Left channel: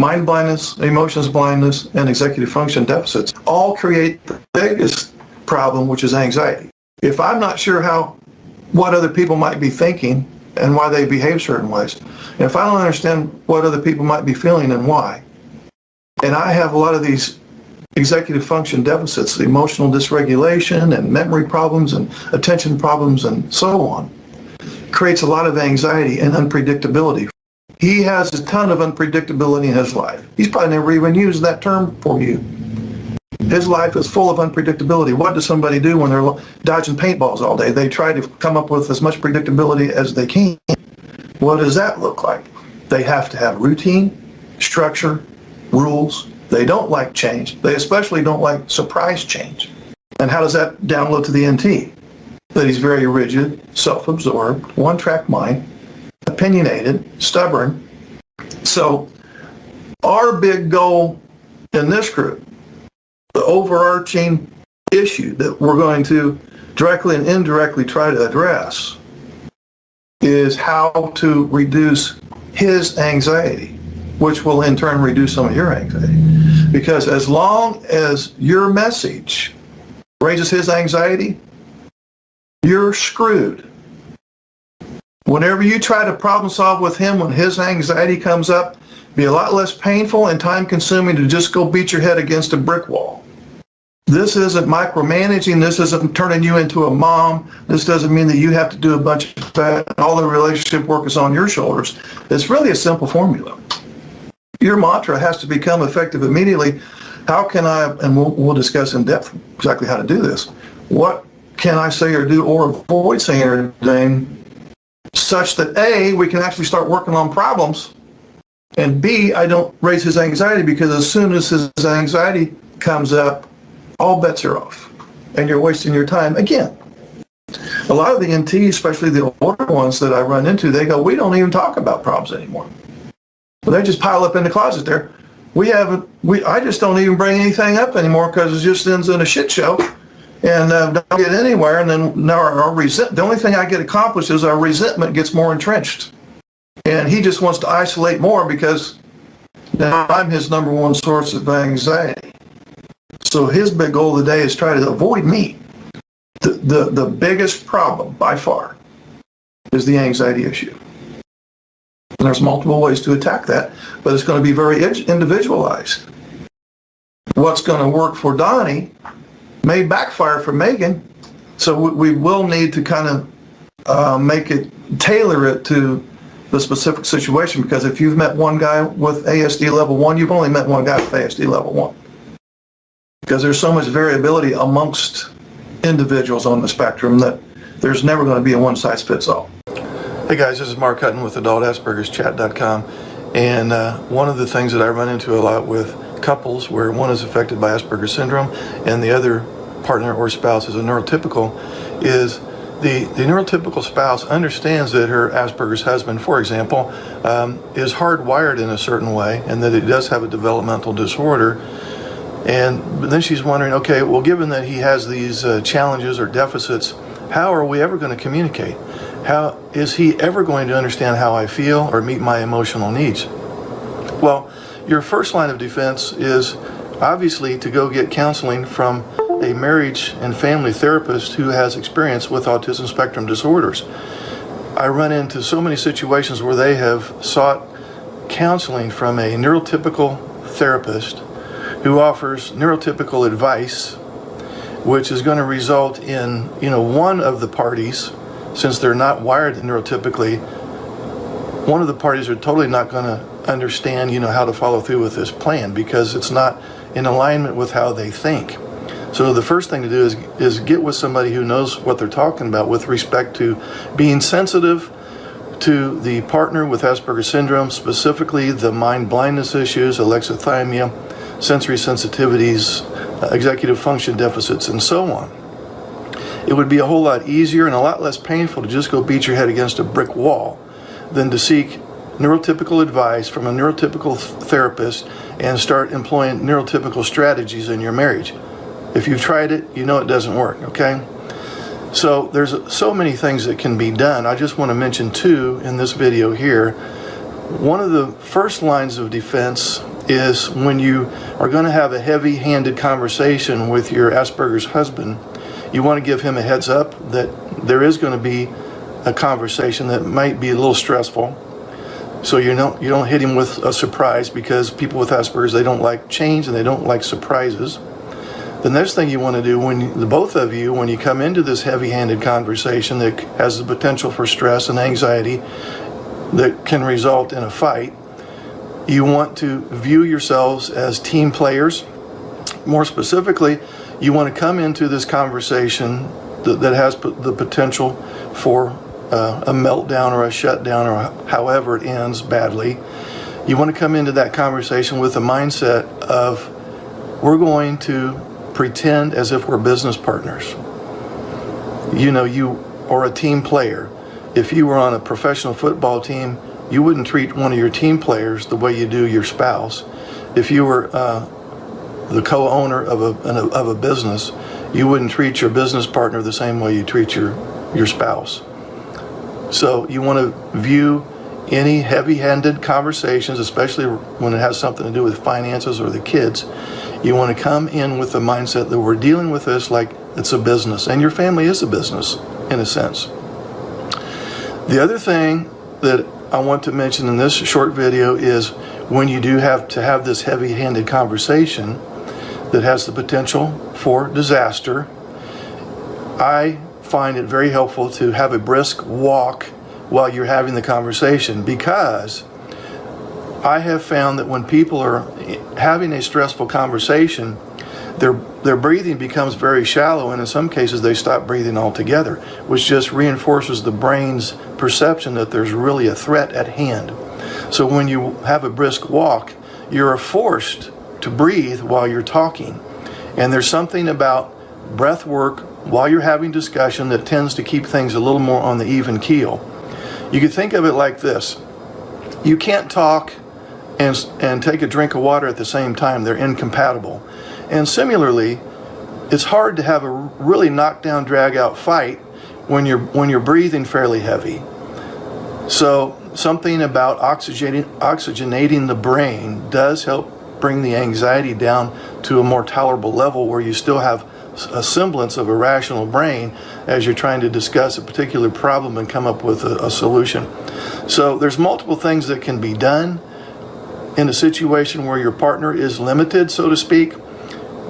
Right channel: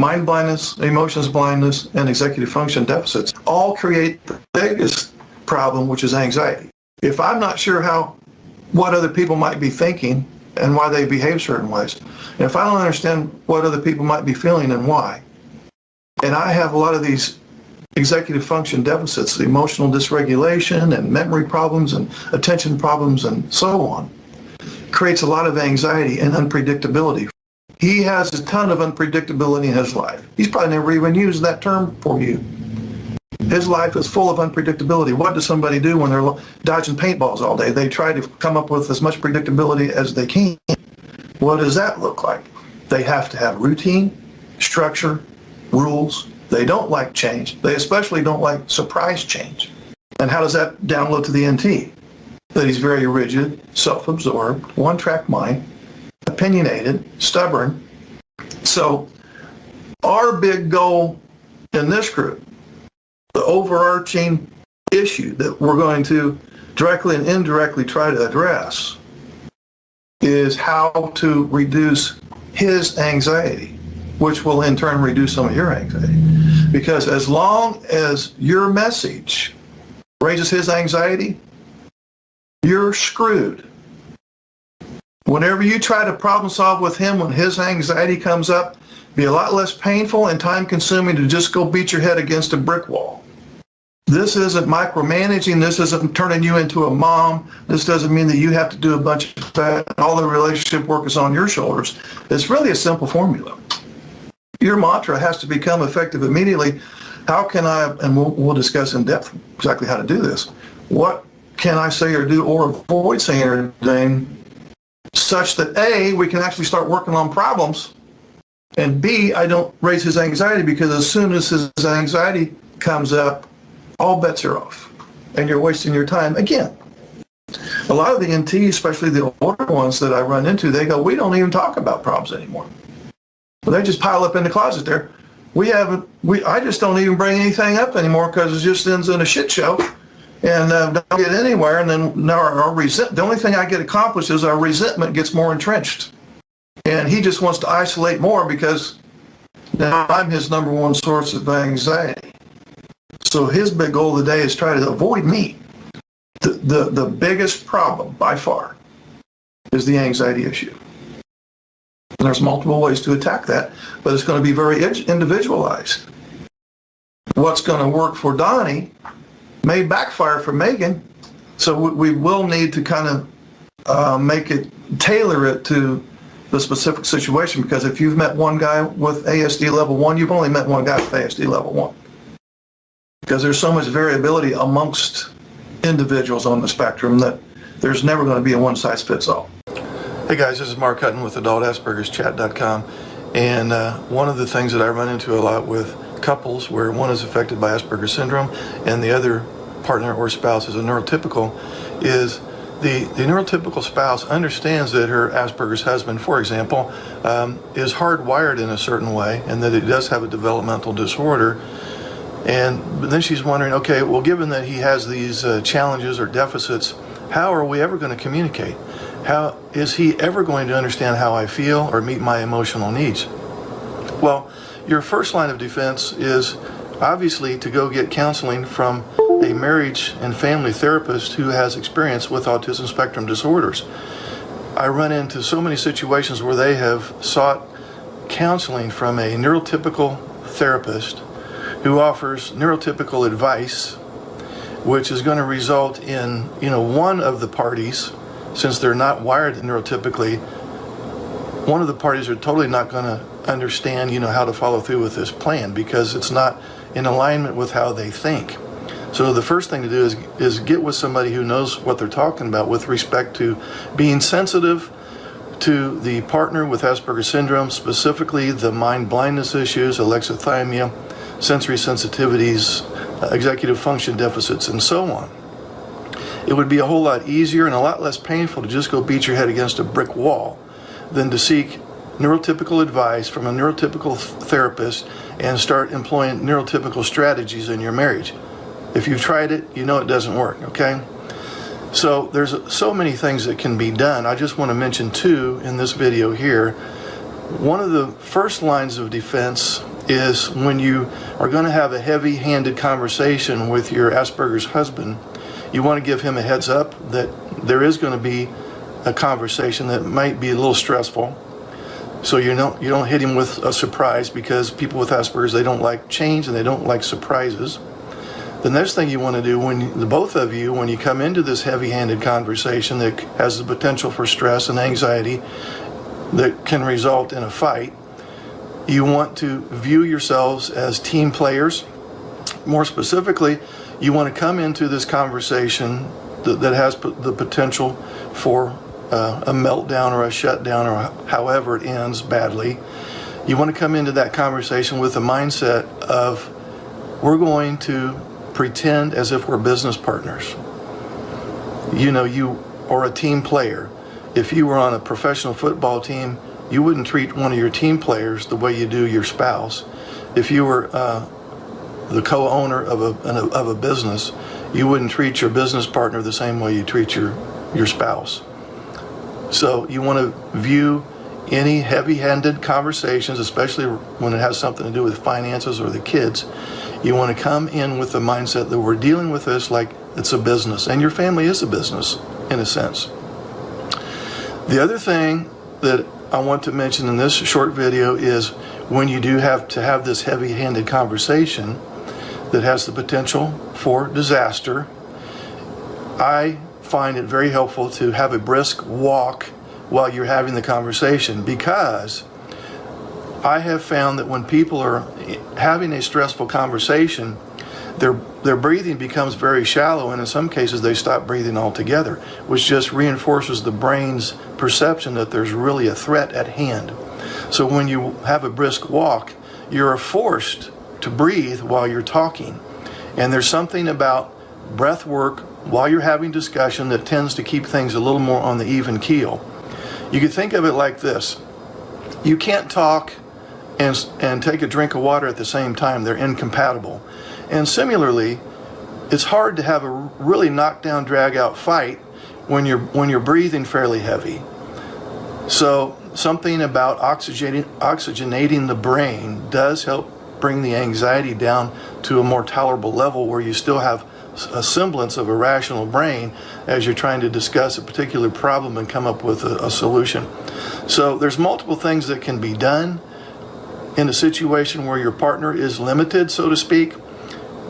mind blindness, emotions blindness, and executive function deficits all create the biggest problem, which is anxiety. If I'm not sure what other people might be thinking and why they behave certain ways, and if I don't understand what other people might be feeling and why, and I have a lot of these executive function deficits, the emotional dysregulation and memory problems and attention problems and so on, creates a lot of anxiety and unpredictability. He has a ton of unpredictability in his life. He's probably never even used that term for you. His life is full of unpredictability. What does somebody do when they're dodging paintballs all day? They try to come up with as much predictability as they can. What does that look like? They have to have routine, structure, rules. They don't like change. They especially don't like surprise change. And how does that download to the NT? That he's very rigid, self-absorbed, one-track mind, opinionated, stubborn. So our big goal in this group, the overarching issue that we're going to directly and indirectly try to address, is how to reduce his anxiety, which will in turn reduce some of your anxiety. Because as long as your message raises his anxiety, you're screwed. Whenever you try to problem solve with him when his anxiety comes up, be a lot less painful and time consuming to just go beat your head against a brick wall. This isn't micromanaging. This isn't turning you into a mom. This doesn't mean that you have to do a bunch of that. All the relationship work is on your shoulders. It's really a simple formula. Your mantra has to become effective immediately. How can I, and we'll discuss in depth exactly how to do this. What can I say or do or avoid saying or doing such that A, we can actually start working on problems, and B, I don't raise his anxiety, because as soon as his anxiety comes up, all bets are off, and you're wasting your time again. A lot of the NTs, especially the older ones that I run into, they go, we don't even talk about problems anymore. They just pile up in the closet there. I just don't even bring anything up anymore because it just ends in a shit show and don't get anywhere. And then now the only thing I get accomplished is our resentment gets more entrenched. And he just wants to isolate more because now I'm his number one source of anxiety. So his big goal of the day is try to avoid me. The biggest problem by far is the anxiety issue. And there's multiple ways to attack that, but it's going to be very individualized. What's going to work for Donnie may backfire for Megan, so we will need to kind of tailor it to the specific situation, because if you've met one guy with ASD level 1, you've only met one guy with ASD level 1. Because there's so much variability amongst individuals on the spectrum that there's never going to be a one-size-fits-all. Hey guys, this is Mark Hutten with AdultAsperger'sChat.com, and one of the things that I run into a lot with couples where one is affected by Asperger's syndrome and the other partner or spouse is a neurotypical is the neurotypical spouse understands that her Asperger's husband, for example, is hardwired in a certain way and that he does have a developmental disorder. And then she's wondering, okay, well, given that he has these challenges or deficits, how are we ever going to communicate? How is he ever going to understand how I feel or meet my emotional needs? Well, your first line of defense is obviously to go get counseling from a marriage and family therapist who has experience with autism spectrum disorders. I run into so many situations where they have sought counseling from a neurotypical therapist who offers neurotypical advice, which is going to result in, one of the parties, since they're not wired neurotypically, one of the parties are totally not going to understand, how to follow through with this plan because it's not in alignment with how they think. So the first thing to do is get with somebody who knows what they're talking about with respect to being sensitive to the partner with Asperger's syndrome, specifically the mind blindness issues, alexithymia, sensory sensitivities, executive function deficits, and so on. It would be a whole lot easier and a lot less painful to just go beat your head against a brick wall than to seek neurotypical advice from a neurotypical therapist and start employing neurotypical strategies in your marriage. If you've tried it, you know it doesn't work, okay? So there's so many things that can be done. I just want to mention two in this video here. one of the first lines of defense is when you are going to have a heavy-handed conversation with your Asperger's husband, you want to give him a heads up that there is going to be a conversation that might be a little stressful. So you don't hit him with a surprise, because people with Asperger's, they don't like change and they don't like surprises. The next thing you want to do when both of you, when you come into this heavy-handed conversation that has the potential for stress and anxiety that can result in a fight, you want to view yourselves as team players. More specifically, you want to come into this conversation that has the potential for a meltdown or a shutdown, or however it ends badly. You want to come into that conversation with the mindset of, we're going to pretend as if we're business partners. You are a team player. If you were on a professional football team, you wouldn't treat one of your team players the way you do your spouse. If you were the co-owner of a business, you wouldn't treat your business partner the same way you treat your spouse. So you want to view any heavy-handed conversations, especially when it has something to do with finances or the kids, you want to come in with the mindset that we're dealing with this like it's a business, and your family is a business in a sense. The other thing that I want to mention in this short video is when you do have to have this heavy-handed conversation that has the potential for disaster, I find it very helpful to have a brisk walk while you're having the conversation, because I have found that when people are having a stressful conversation, their breathing becomes very shallow, and in some cases they stop breathing altogether, which just reinforces the brain's perception that there's really a threat at hand. So when you have a brisk walk, you're forced to breathe while you're talking. And there's something about breath work while you're having discussion that tends to keep things a little more on the even keel. You could think of it like this. You can't talk and take a drink of water at the same time. They're incompatible. And similarly, it's hard to have a really knockdown, drag-out fight when you're breathing fairly heavy. So something about oxygenating the brain does help bring the anxiety down to a more tolerable level, where you still have a semblance of a rational brain as you're trying to discuss a particular problem and come up with a solution. So there's multiple things that can be done in a situation where your partner is limited, so to speak,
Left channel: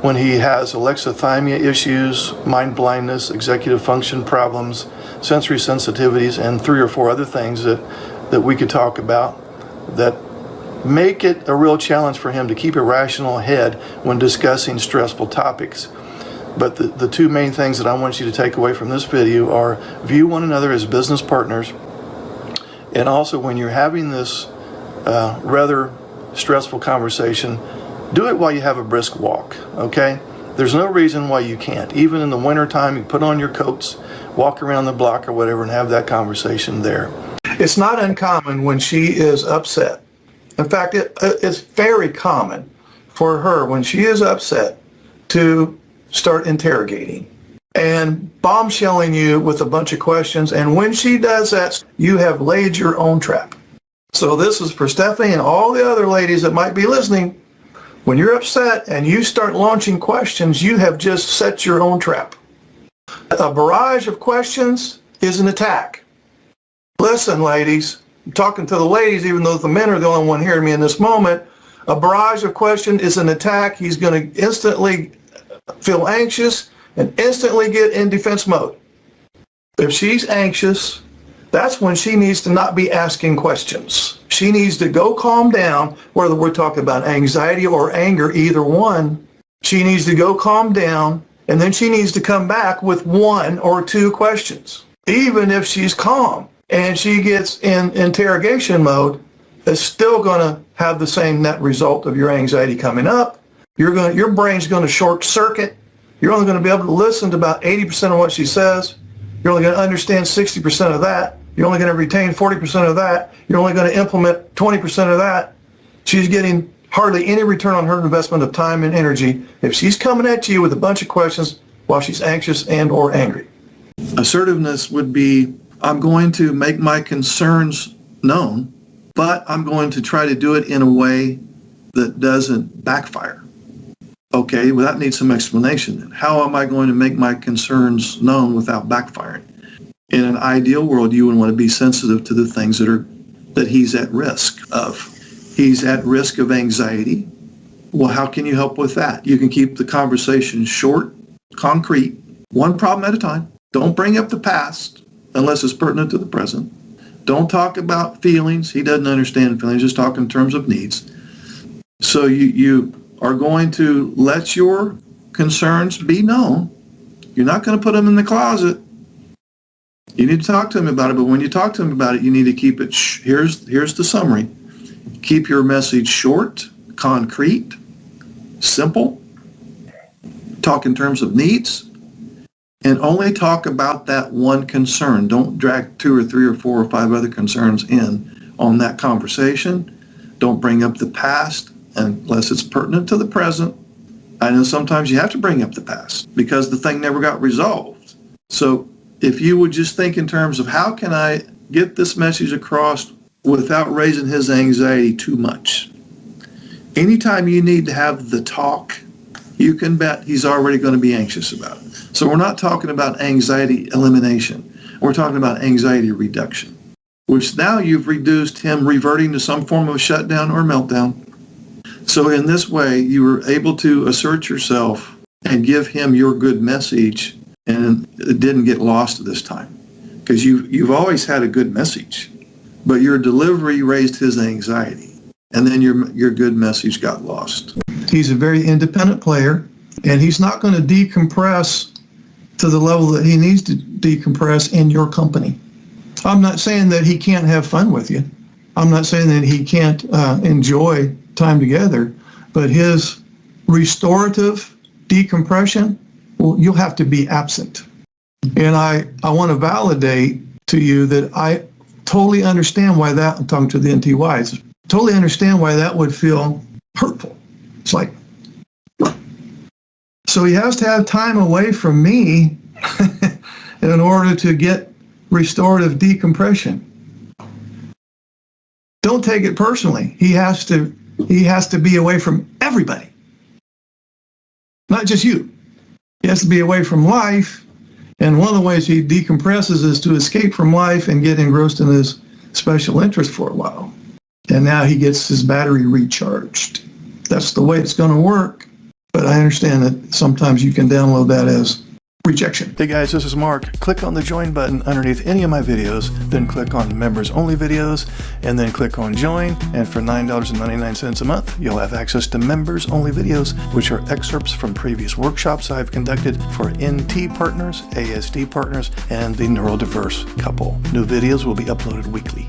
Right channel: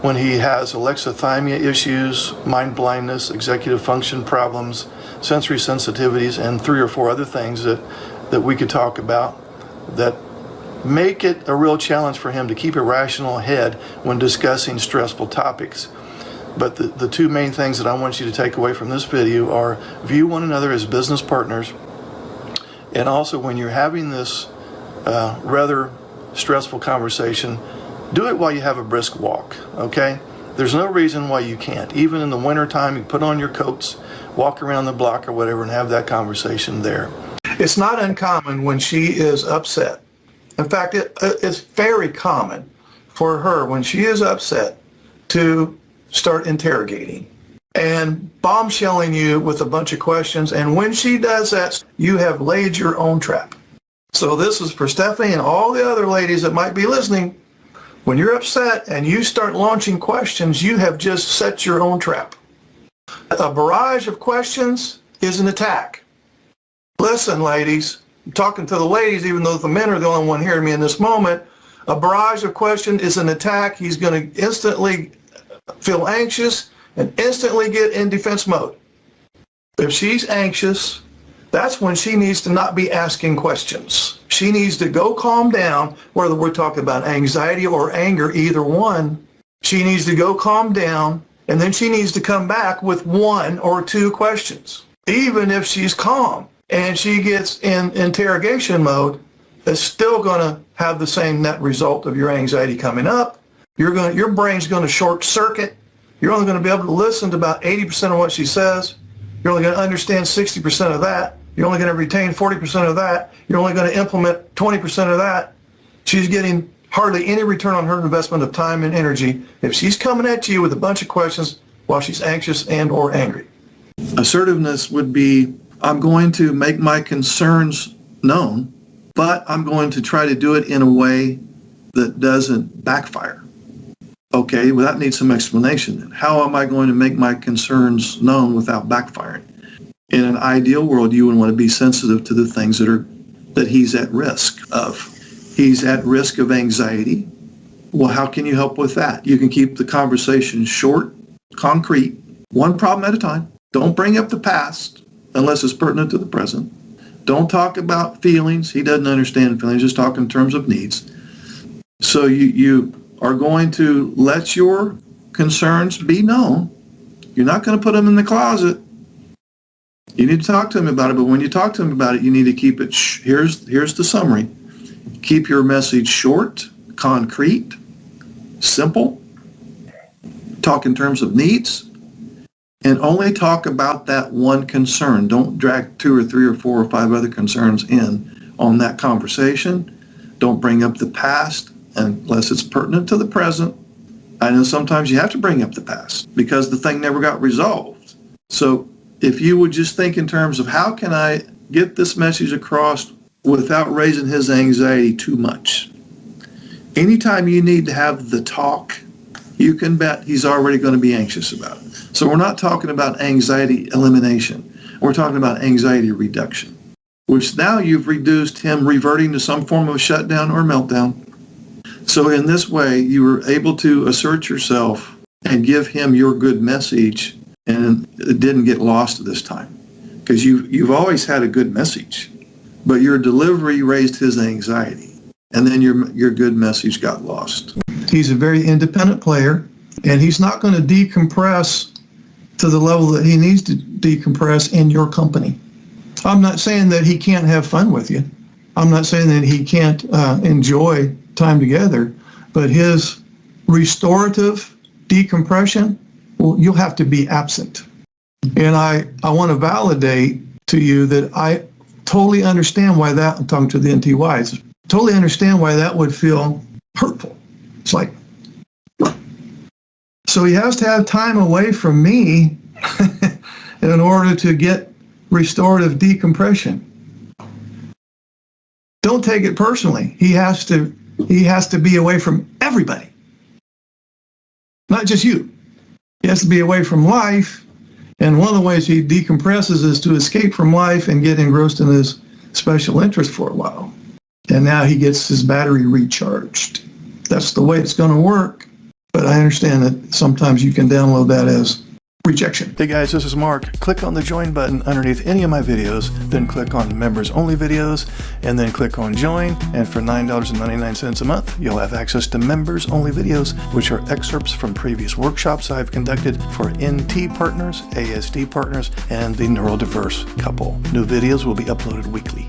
when he has alexithymia issues, mind blindness, executive function problems, sensory sensitivities, and 3 or 4 other things that we could talk about that make it a real challenge for him to keep a rational head when discussing stressful topics. But the 2 main things that I want you to take away from this video are view one another as business partners, and also when you're having this rather stressful conversation, do it while you have a brisk walk, okay? There's no reason why you can't. Even in the wintertime, you put on your coats, walk around the block or whatever, and have that conversation there. It's not uncommon when she is upset. In fact, it's very common for her when she is upset to start interrogating and bombshelling you with a bunch of questions. And when she does that, you have laid your own trap. So this is for Stephanie and all the other ladies that might be listening. When you're upset and you start launching questions, you have just set your own trap. A barrage of questions is an attack. Listen, ladies, I'm talking to the ladies, even though the men are the only one hearing me in this moment. A barrage of questions is an attack. He's going to instantly feel anxious and instantly get in defense mode. If she's anxious, that's when she needs to not be asking questions. She needs to go calm down, whether we're talking about anxiety or anger, either one. She needs to go calm down, and then she needs to come back with 1 or 2 questions. Even if she's calm and she gets in interrogation mode, it's still going to have the same net result of your anxiety coming up. Your brain's going to short circuit. You're only going to be able to listen to about 80% of what she says. You're only going to understand 60% of that. You're only going to retain 40% of that. You're only going to implement 20% of that. She's getting hardly any return on her investment of time and energy if she's coming at you with a bunch of questions while she's anxious and or angry. Assertiveness would be, I'm going to make my concerns known but I'm going to try to do it in a way that doesn't backfire. Okay, well, that needs some explanation. How am I going to make my concerns known without backfiring? In an ideal world, you would want to be sensitive to the things that he's at risk of. He's at risk of anxiety. Well, how can you help with that? You can keep the conversation short, concrete, one problem at a time. Don't bring up the past unless it's pertinent to the present. Don't talk about feelings. He doesn't understand feelings. Just talk in terms of needs. So you are going to let your concerns be known. You're not going to put them in the closet. You need to talk to him about it, but when you talk to him about it, you need to keep it, here's the summary. Keep your message short, concrete, simple. Talk in terms of needs, and only talk about that one concern. Don't drag 2 or 3 or 4 or 5 other concerns in on that conversation. Don't bring up the past unless it's pertinent to the present. I know sometimes you have to bring up the past because the thing never got resolved. So if you would just think in terms of how can I get this message across without raising his anxiety too much. Anytime you need to have the talk, you can bet he's already going to be anxious about it. So we're not talking about anxiety elimination. We're talking about anxiety reduction, which now you've reduced him reverting to some form of shutdown or meltdown. So in this way, you were able to assert yourself and give him your good message, and it didn't get lost this time because you've always had a good message, but your delivery raised his anxiety, and then your good message got lost. He's a very independent player, and he's not going to decompress to the level that he needs to decompress in your company. I'm not saying that he can't have fun with you. I'm not saying that he can't enjoy time together, but his restorative decompression, well, you'll have to be absent. And I want to validate to you that I totally understand why that, I'm talking to the NTYs, totally understand why that would feel hurtful. It's like, so he has to have time away from me in order to get restorative decompression. Don't take it personally. He has to be away from everybody, not just you. He has to be away from life, and one of the ways he decompresses is to escape from life and get engrossed in his special interest for a while. And now he gets his battery recharged. That's the way it's going to work, but I understand that sometimes you can download that as rejection. Hey guys, this is Mark. Click on the join button underneath any of my videos, then click on members only videos, and then click on join. And for $9.99 a month, you'll have access to members only videos, which are excerpts from previous workshops I've conducted for NT partners, ASD partners, and the neurodiverse couple. New videos will be uploaded weekly.